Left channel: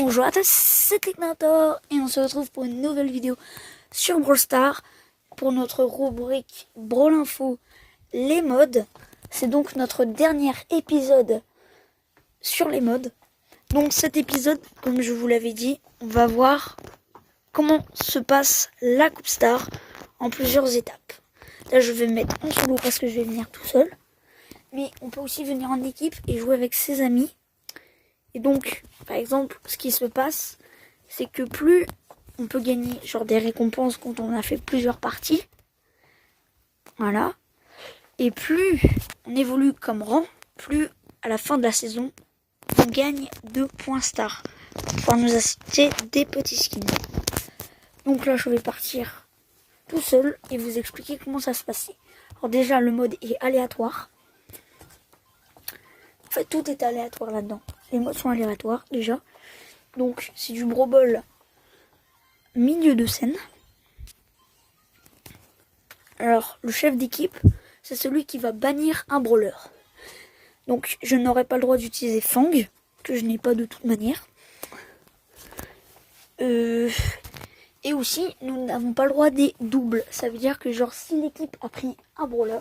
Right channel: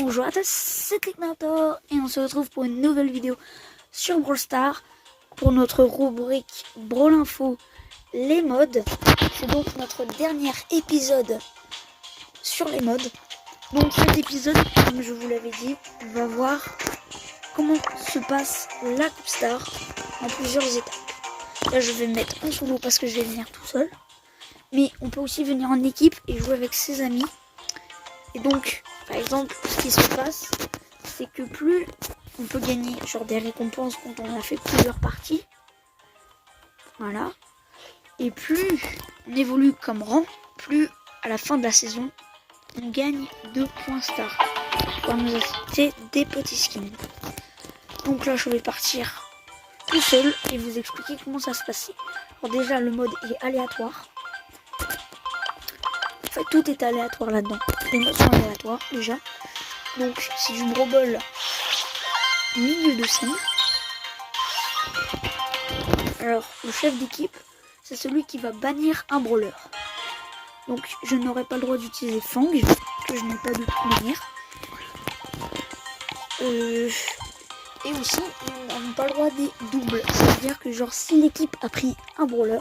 Bonjour à tous, c'est Technator et on se retrouve pour une nouvelle vidéo sur Brawl Stars pour notre rubrique Brawl Info, les modes. C'est donc notre dernier épisode sur les modes. Donc cet épisode, comme je vous l'avais dit, va voir comment se passe la Coupe Star en plusieurs étapes. Là je vais me mettre en solo parce que je vais venir tout seul. Mais on peut aussi venir en équipe et jouer avec ses amis. Et donc, par exemple, ce qui se passe, c'est que plus on peut gagner genre des récompenses quand on a fait plusieurs parties. Voilà. Et plus on évolue comme rang, plus à la fin de la saison, on gagne 2 points star pour nous acheter des petits skins. Donc là, je vais partir tout seul et vous expliquer comment ça se passe. Alors déjà, le mode est aléatoire. En fait, tout est aléatoire là-dedans. Les modes sont aléatoires déjà. Donc, c'est du Brawl Ball milieu de scène. Alors, le chef d'équipe, c'est celui qui va bannir un brawler. Donc, je n'aurai pas le droit d'utiliser Fang, que je n'ai pas de toute manière. Et aussi, nous n'avons pas le droit des doubles. Ça veut dire que, genre, si l'équipe a pris un brawler,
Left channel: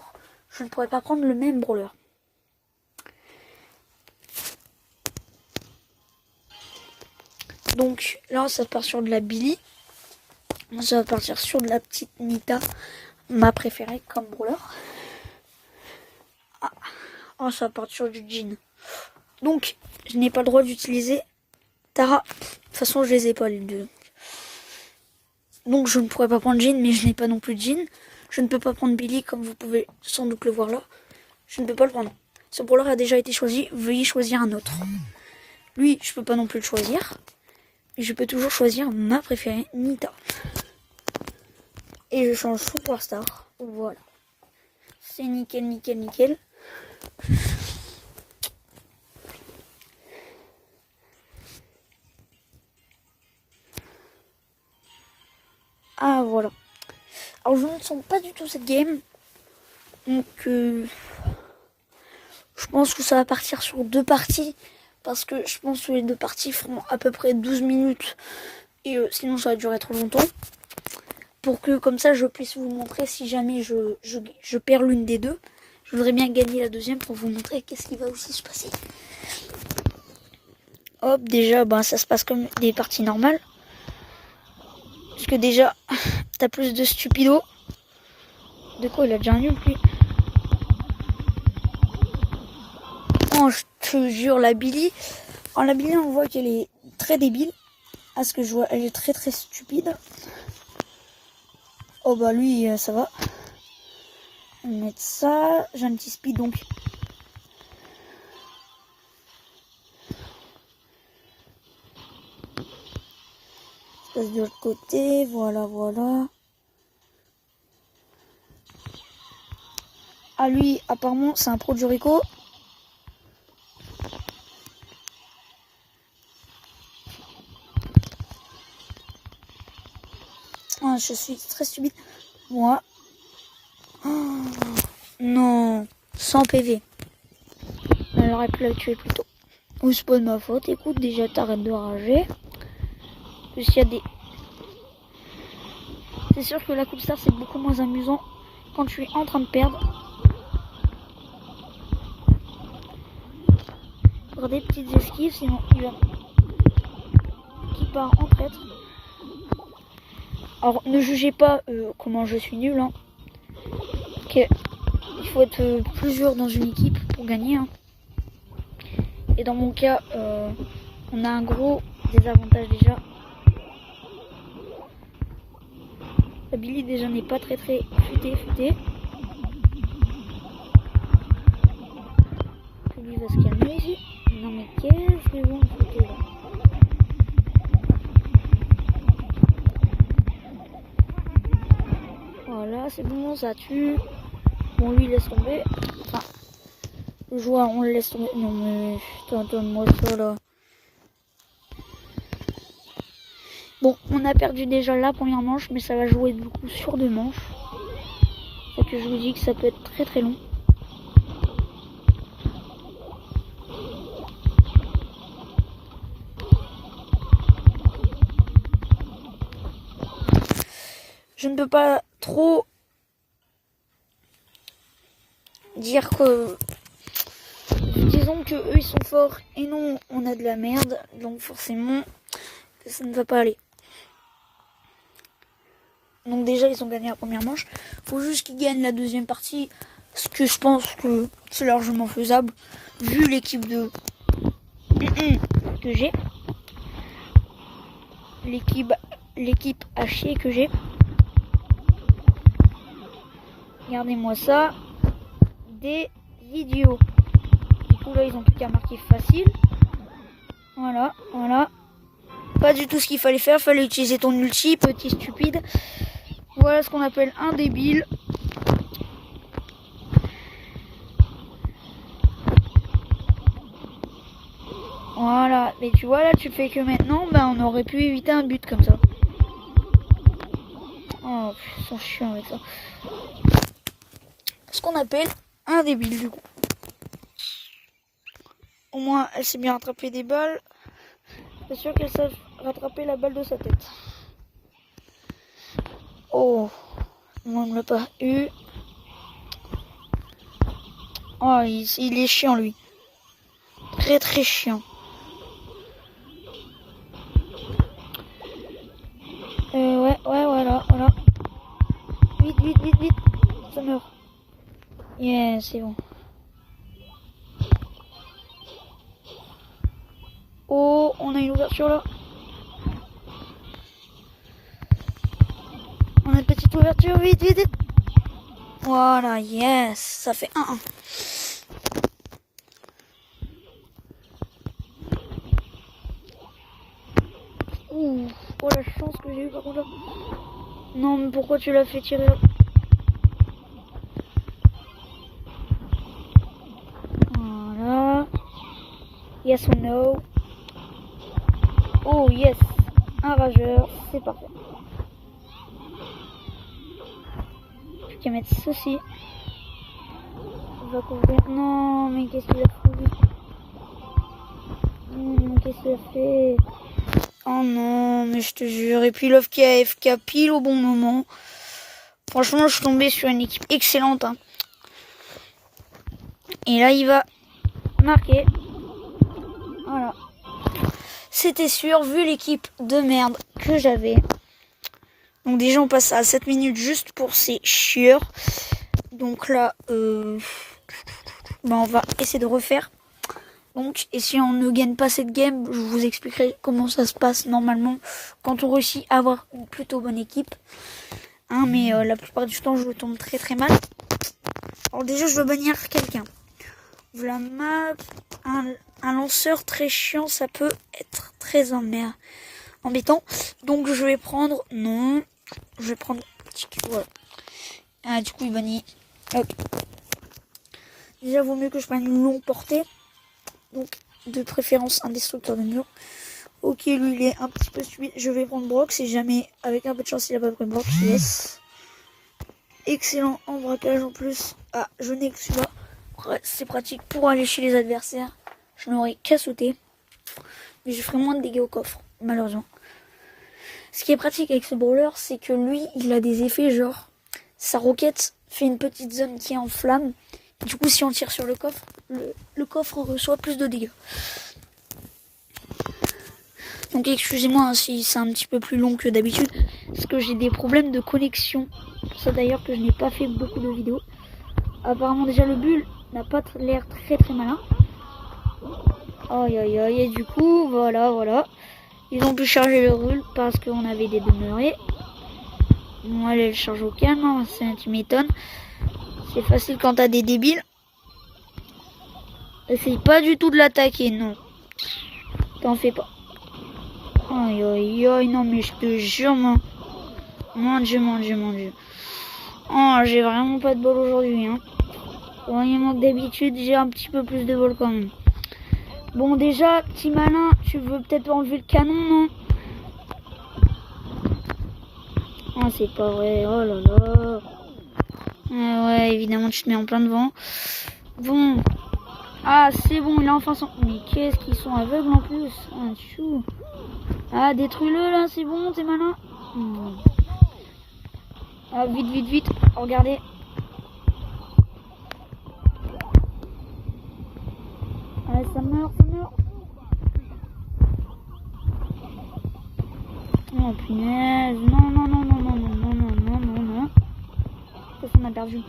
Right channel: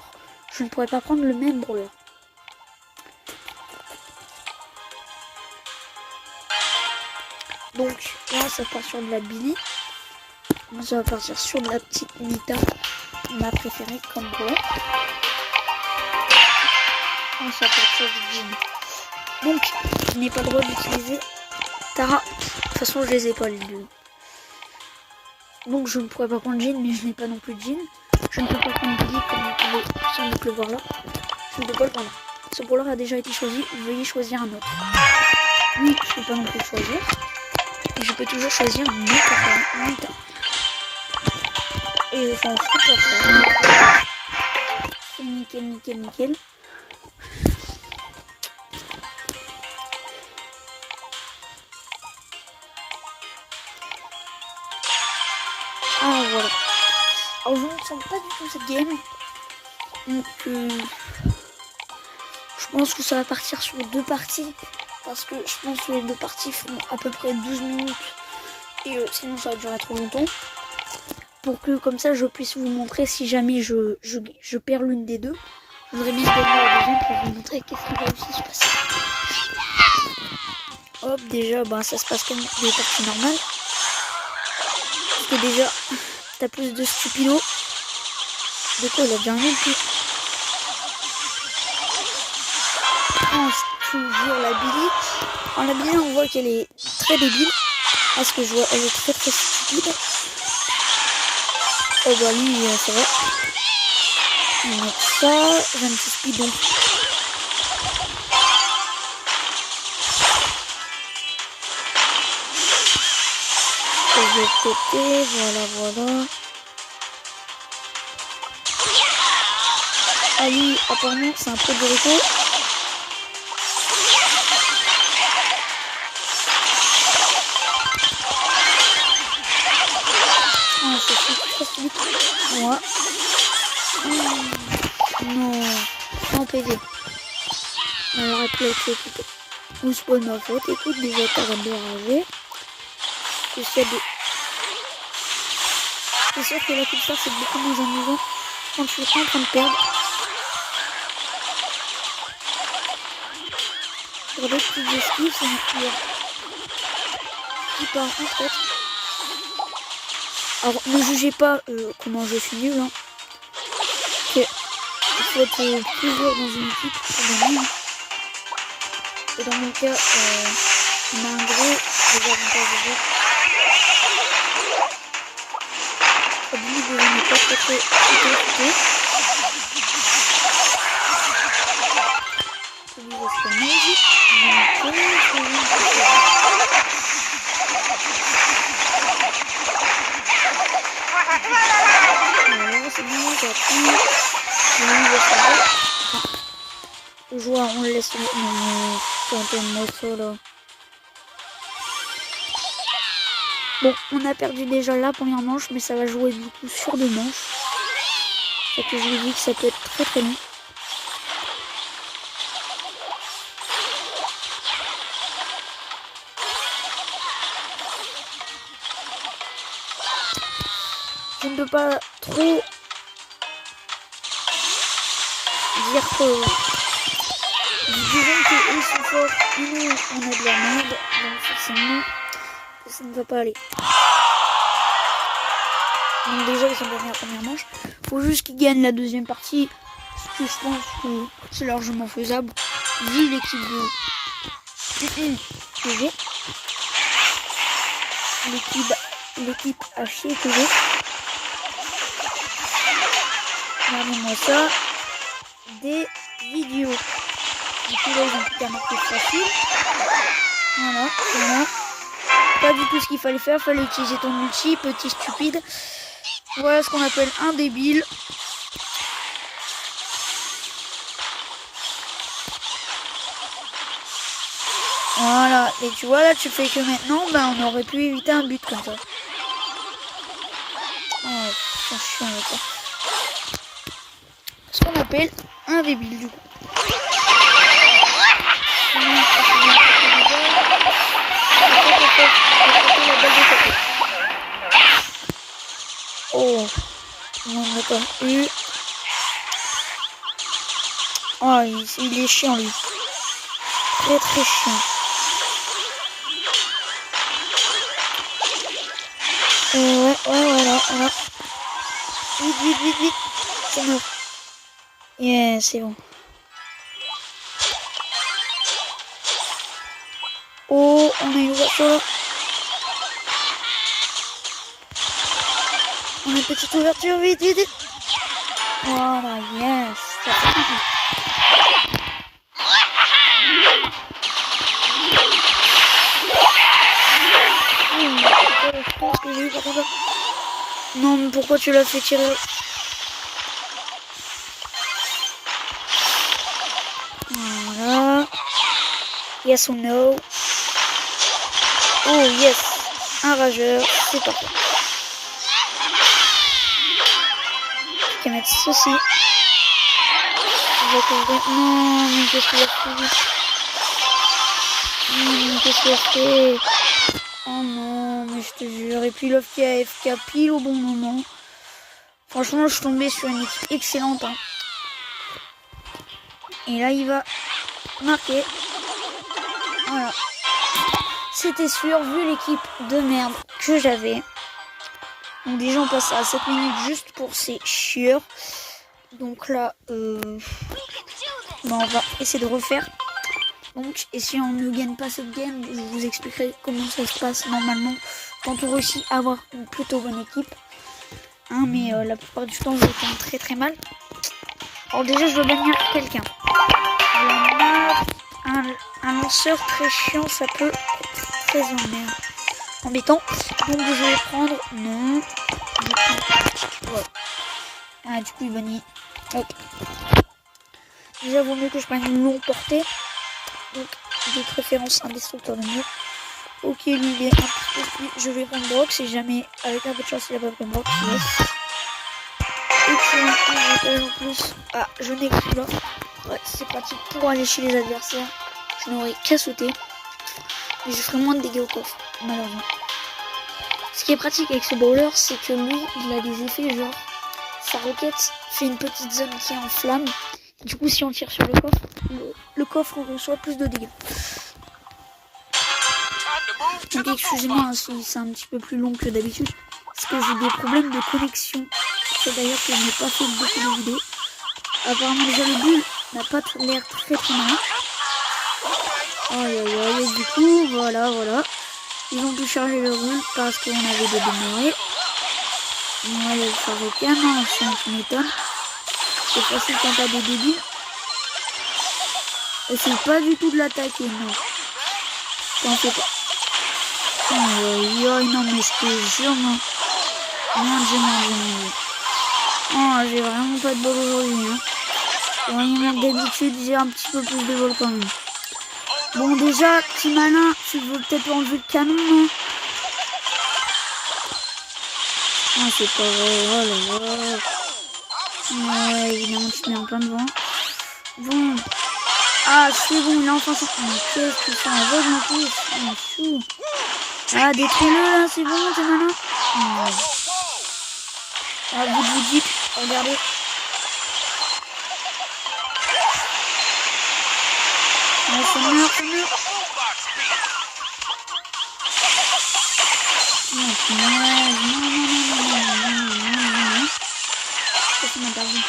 je ne pourrais pas prendre le même brawler. Donc là ça part sur de la Billy. Ça va partir sur de la petite Nita, ma préférée comme brawler. Ça va partir sur du Jean. Donc je n'ai pas le droit d'utiliser Tara. De toute façon je les ai pas les deux. Donc je ne pourrais pas prendre Jean, mais je n'ai pas non plus de Jean. Je ne peux pas prendre Billy comme vous pouvez sans doute le voir là. Je ne peux pas le prendre. Ce brawler a déjà été choisi, veuillez choisir un autre. Lui je ne peux pas non plus le choisir. Et je peux toujours choisir mon préféré, Nita. Et je change tout pour ça. C'est nickel, nickel, nickel. Ah voilà. Alors je ne sens pas du tout cette game. Donc je pense que ça va partir sur 2 parties. Parce que je pense que les 2 parties font à peu près 12 minutes. Et sinon ça va durer trop longtemps. Pour que comme ça je puisse vous montrer si jamais je perds l'une des deux. Je voudrais bien gagner la deuxième pour vous montrer qu'est-ce qui va aussi se passer. Hop, déjà ça se passe comme des parties normales. Parce que déjà t'as plus de stupido. De quoi il a déjà un ulti. Oh, je te jure, la Billy. En la Billy, on voit qu'elle est très débile. Parce que je vois, elle est très très stupide. Oh bah lui, ça va. On met ça. J'ai un petit speed donc. Je vais péter, voilà. Ah lui, apparemment, c'est un pro de Rico. Je suis très solide. Moi. Non. Sans PV. Alors, replay plutôt. Ou c'est pas de ma faute. Écoute, déjà, t'arrêtes de rager. C'est sûr que la Coupe Star, c'est beaucoup moins amusant quand tu es en train de perdre. Pour des petites esquives, c'est un joueur qui part en fait. Alors ne jugez pas comment je suis nul. Hein. Il faut être plusieurs dans une équipe pour gagner. Hein. Et dans mon cas, on a un gros désavantage déjà. Au début, je n'ai pas très coûté. Celui va se calmer. Voilà, c'est bon, j'ai appris. Le joueur, on le laisse tomber. Non, mais tentez-moi ça là. Bon, on a perdu déjà la première manche, mais ça va jouer du coup sur 2 manches. Et que je vous dis que ça peut être très très long. peut pas trop dire que disons que eux sont forts et nous on a de la merde, donc forcément ça ne va pas aller. Donc déjà ils ont gagné la première manche, faut juste qu'ils gagnent la deuxième partie, ce que je pense que c'est largement faisable vu l'équipe que j'ai, l'équipe à chier que j'ai. Regardez-moi ça, des vidéos. Du coup là ils ont plus qu'à marquer facile. Voilà. Pas du tout ce qu'il fallait faire, fallait utiliser ton multi, petit stupide. Voilà ce qu'on appelle un débile. Voilà, et tu vois là tu fais que maintenant, on aurait pu éviter un but comme ça. Oh, c'est chiant avec ça. Ce qu'on appelle un débile du coup. Au moins, c'est bien attraper des balles. Attraper la balle de côté. Oh, on n'a pas eu. Oh, il est chiant lui. Très très chiant. Ouais, voilà. Vite. C'est mort. Yeah, c'est bon. Oh, on a une ouverture là. On a une petite ouverture, vite. Voilà, yes. Ça fait un. Je pense que j'ai eu par contre. Non, mais pourquoi tu l'as fait tirer? Voilà. Yes or no? Oh yes. Un rageur. C'est parfait. Je vais mettre ceci. On va couvrir. Non, mais qu'est-ce qu'il a fait? Oh non, mais je te jure. Et puis l'offre qui a AFK pile au bon moment. Franchement, je suis tombée sur une équipe excellente. Hein. Et là, il va marquer. Voilà. C'était sûr, vu l'équipe de merde que j'avais. Donc déjà, on passe à 7 minutes juste pour ces chieurs. Donc là, on va essayer de refaire. Donc, et si on ne gagne pas cette game, je vous expliquerai comment ça se passe normalement quand on réussit à avoir une plutôt bonne équipe. Hein, mais la plupart du temps, je tombe très très mal. Alors déjà, je veux bannir quelqu'un. Un lanceur très chiant, ça peut être très embêtant. Donc je vais prendre... Non. Je vais prendre... Voilà. Ah, du coup, il bannit. Hop. Déjà, vaut mieux que je prenne une longue portée. Donc, de préférence, un destructeur de mur. Ok, lui, il est un petit peu fluide. Je vais prendre Brock. Si jamais, avec un peu de chance, il a pas pris Brock. Yes. Excellent. Un rappel en plus. Ah, je n'ai que celui-là. Ouais, c'est pratique pour aller chez les adversaires. Je n'aurai qu'à sauter. Mais je ferai moins de dégâts au coffre, malheureusement. Ce qui est pratique avec ce brawler, c'est que lui, il a des effets genre... Sa roquette fait une petite zone qui est en flamme. Du coup, si on tire sur le coffre, le coffre reçoit plus de dégâts. Donc excusez-moi hein, si c'est un petit peu plus long que d'habitude. Parce que j'ai des problèmes de connexion. C'est d'ailleurs que je n'ai pas fait beaucoup de vidéos. Apparemment déjà le bulle n'a pas l'air très malin. Aïe, du coup, voilà. Ils ont pu charger le rule parce qu'on avait des demeurés. On va aller charger au canon, c'est un qui m'étonne. C'est facile quand t'as des débiles. Essaye pas du tout de l'attaquer, non. T'en fais pas. Aïe, non mais je te jure, non. Mon Dieu. Oh, j'ai vraiment pas de bol aujourd'hui, hein. Vraiment d'habitude, j'ai un petit peu plus de bol quand même. Bon, déjà, petit malin, tu veux peut-être enlever le canon, non? Ah, c'est pas vrai, oh là là. Ouais, évidemment, tu te mets en plein devant. Bon. Ah, c'est bon, il a enfin sorti. Mais qu'est-ce qu'ils sont aveugles en plus? Oh, chou. Ah, détruis-le là, c'est bon, t'es malin. Ah, vite, regardez. Ouais, ça meurt. Oh, punaise. Non. Ça m'a perdu.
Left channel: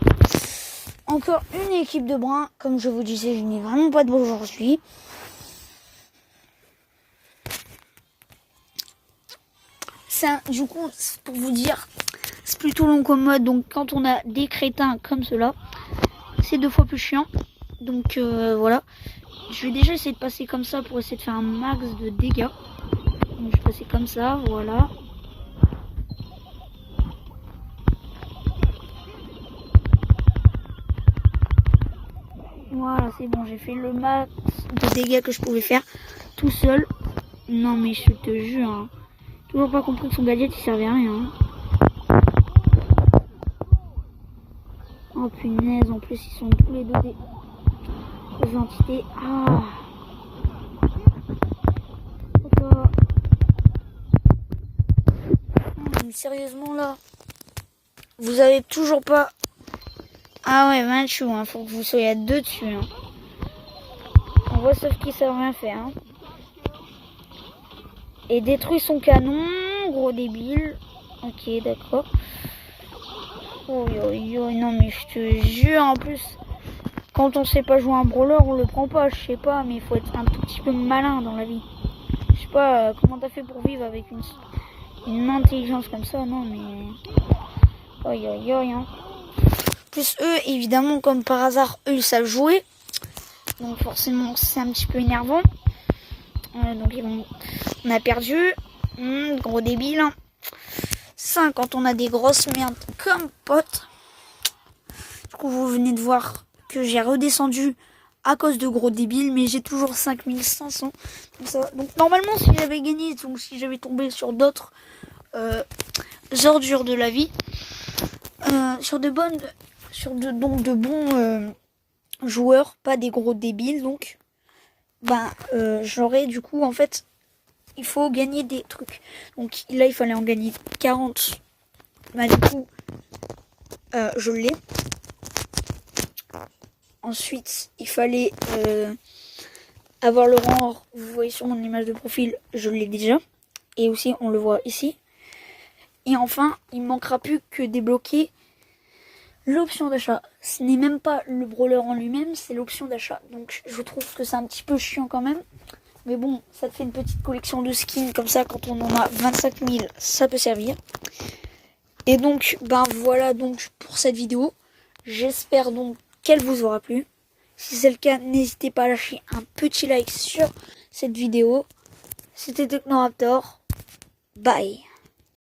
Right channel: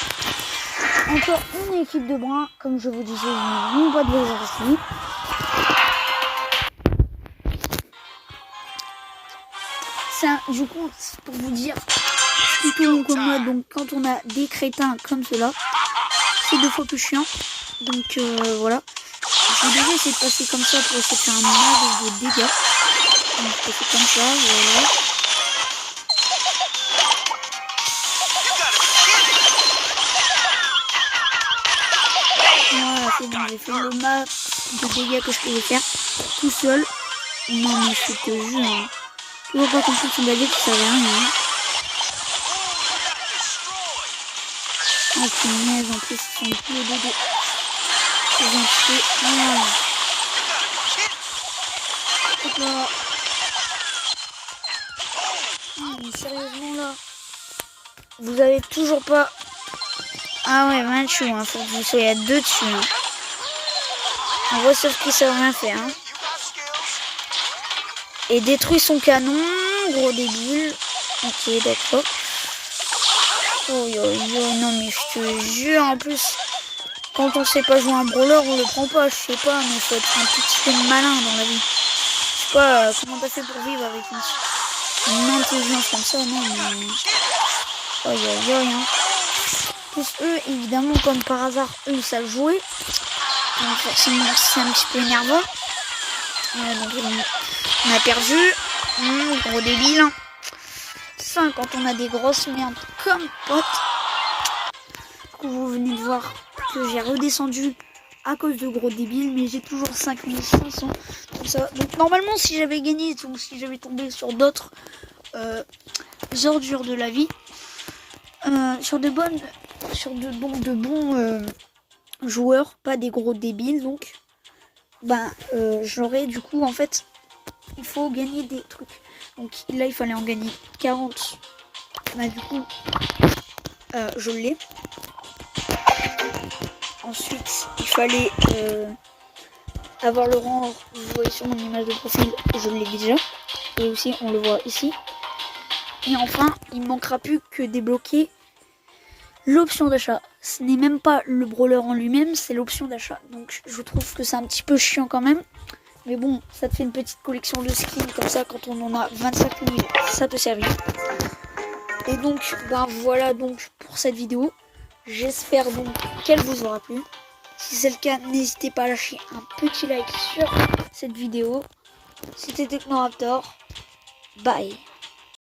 Encore une équipe de bruns. Comme je vous disais, je n'ai vraiment pas de bol aujourd'hui. Ça, du coup, pour vous dire, c'est plutôt long comme mode. Donc, quand on a des crétins comme cela, c'est 2 fois plus chiant. Donc, voilà. Je devais essayer de passer comme ça pour essayer de faire un max de dégâts. Donc, je fais comme ça, voilà. Voilà, c'est bon, j'ai fait le max de dégâts que je pouvais faire tout seul. Non, mais je te jure, hein. Toujours pas compris que son gadget qui servait à rien. Hein. Oh punaise, en plus ils sont tous les deux présentés. Mais sérieusement là, vous avez toujours pas. Ah ouais, Manchou, hein, faut que vous soyez à 2 dessus. Hein. On voit sauf qu'ils savent rien faire. Hein. Et détruit son canon, gros débile. Ok, d'accord. Oh non mais je te jure, en plus, quand on sait pas jouer un brawler, on le prend pas, je sais pas, mais il faut être un petit peu malin dans la vie. Je sais pas comment t'as fait pour vivre avec une intelligence comme ça, non mais... Hein. Plus eux, évidemment, comme par hasard, eux ils savent jouer. Donc forcément c'est un petit peu énervant. Donc on a perdu. Gros débile. Ça, quand on a des grosses merdes comme potes. Du coup, vous venez de voir que j'ai redescendu à cause de gros débiles, mais j'ai toujours 5500. Donc normalement, si j'avais gagné, donc si j'avais tombé sur d'autres ordures de la vie, sur de bons joueurs, pas des gros débiles, donc j'aurais du coup en fait, il faut gagner des trucs. Donc là, il fallait en gagner 40. Du coup, je l'ai. Ensuite, il fallait avoir le rang. Vous voyez sur mon image de profil, je l'ai déjà. Et aussi, on le voit ici. Et enfin, il ne manquera plus que débloquer l'option d'achat. Ce n'est même pas le brawler en lui-même, c'est l'option d'achat. Donc, je trouve que c'est un petit peu chiant quand même. Mais bon, ça te fait une petite collection de skins comme ça. Quand on en a 25 000, ça peut servir. Et donc, voilà donc pour cette vidéo. J'espère donc qu'elle vous aura plu. Si c'est le cas, n'hésitez pas à lâcher un petit like sur cette vidéo. C'était Technoraptor. Bye.